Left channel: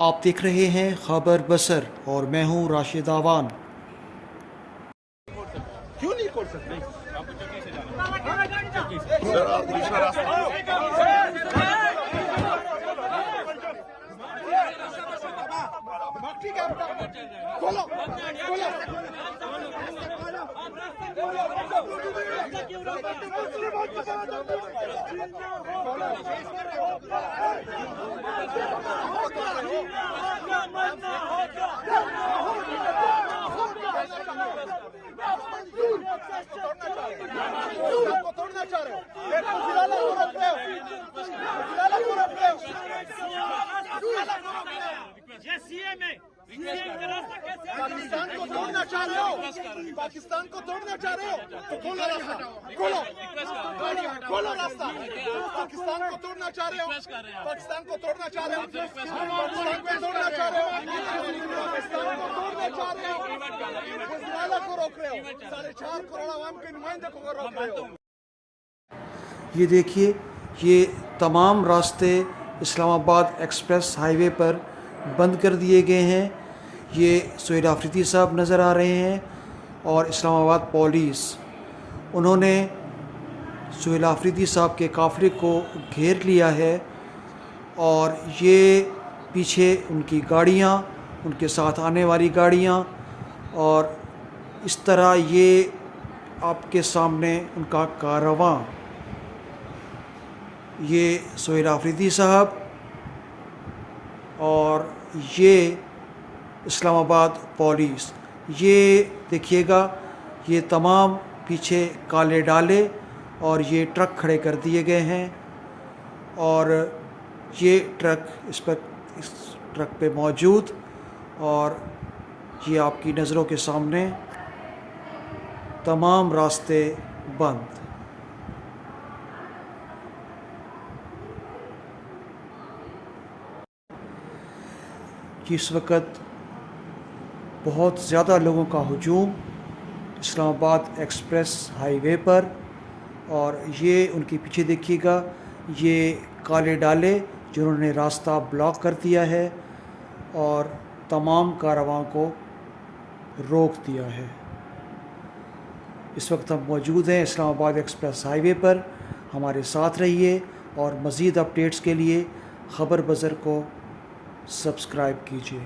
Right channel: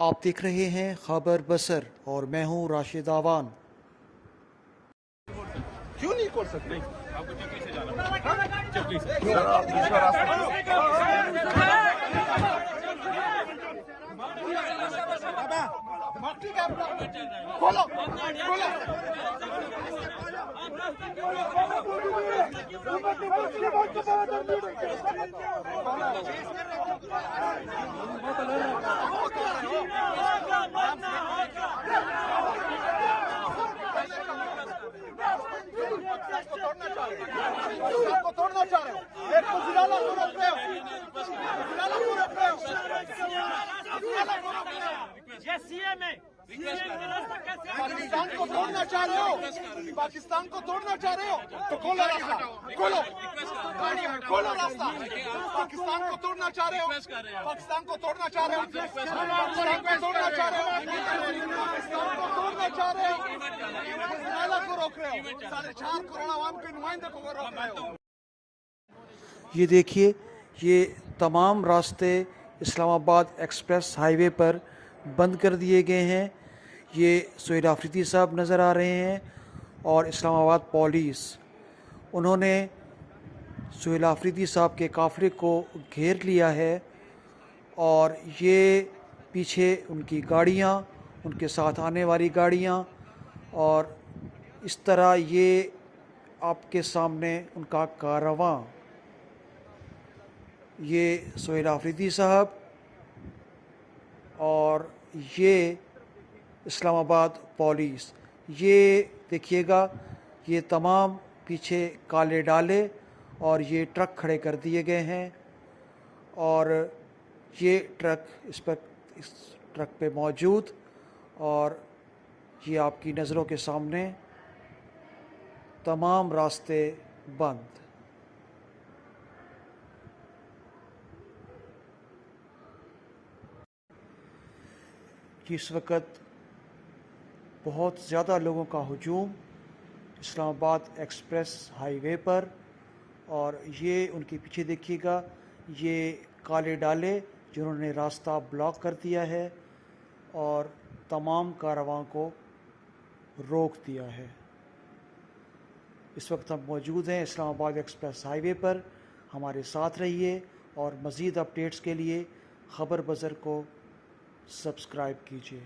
आप देख रहे हैं खबर बसर और मैं हूं राशिद आवान। क्यों नहीं कर सकते? तोड़ना चाह रहे हो, एक को जिलाला को रोक रहे हो, जिलाला को रोक रहे हो। ये सीएम है, पाकिस्तान को तोड़ना चाह रहे हो, पाकिस्तान को तोड़ना चाह रहे हो तो खोलो रास्ता, खोलो रास्ता। पाकिस्तान को तोड़ना चाह रहे हो, पाकिस्तान को तोड़ना चाह रहे हो, पाकिस्तान को तोड़ना चाह रहे हो, पाकिस्तान को तोड़ना चाह रहे हो, जिलाला को रोक रहे हो, 4.5 करोड़ आवाम के नुमाइंदे को रोक रहे हो। ये देखिए, ये तमाम रास्ते इस्लामाबाद एक्सप्रेस हाईवे पर बंद कर दिए गए हैं। ये सुहेल आफरीदी साहब नज़र आ रहे हैं और इस्लामाबाद पुलिस, उन्होंने सुहेल आफरीदी साहब के काफ़िले को घेर लिया है और ये पीछे उनकी गाड़ियाँ, उनके साथ आने वाली गाड़ियाँ, और इस तरह ये आपके सामने उनका कारवां, ये सुहेल आफरीदी साहब और ये इस्लामाबाद पुलिस। ये देखिएगा, ये तमाम पीछे काले डाले और ये ट्रक खड़े कर दिए गए हैं और ये ट्रक इस ट्रक पे मौजूद, और ये आपकी नज़रों के सामने तमाम रास्ते बंद। इस वक्त बहुत ज़्यादा लोगों का हुजूम इस्लामाबाद एक्सप्रेस हाईवे पर, और ये उनके पीछे देखिएगा, ये काले डाले जिन्होंने रास्ता ब्लॉक कर दिया है और तमाम कारवां को रोक दिया है। इस वक्त हम मौजूद हैं इस्लामाबाद एक्सप्रेस हाईवे पर। हमारे साथ रहिए और मज़ीद अपडेट्स के लिए खबर बज़र को सब्सक्राइब कीजिए।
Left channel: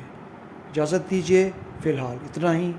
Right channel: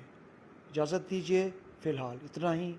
इजाज़त दीजिए, फ़िलहाल इतना ही।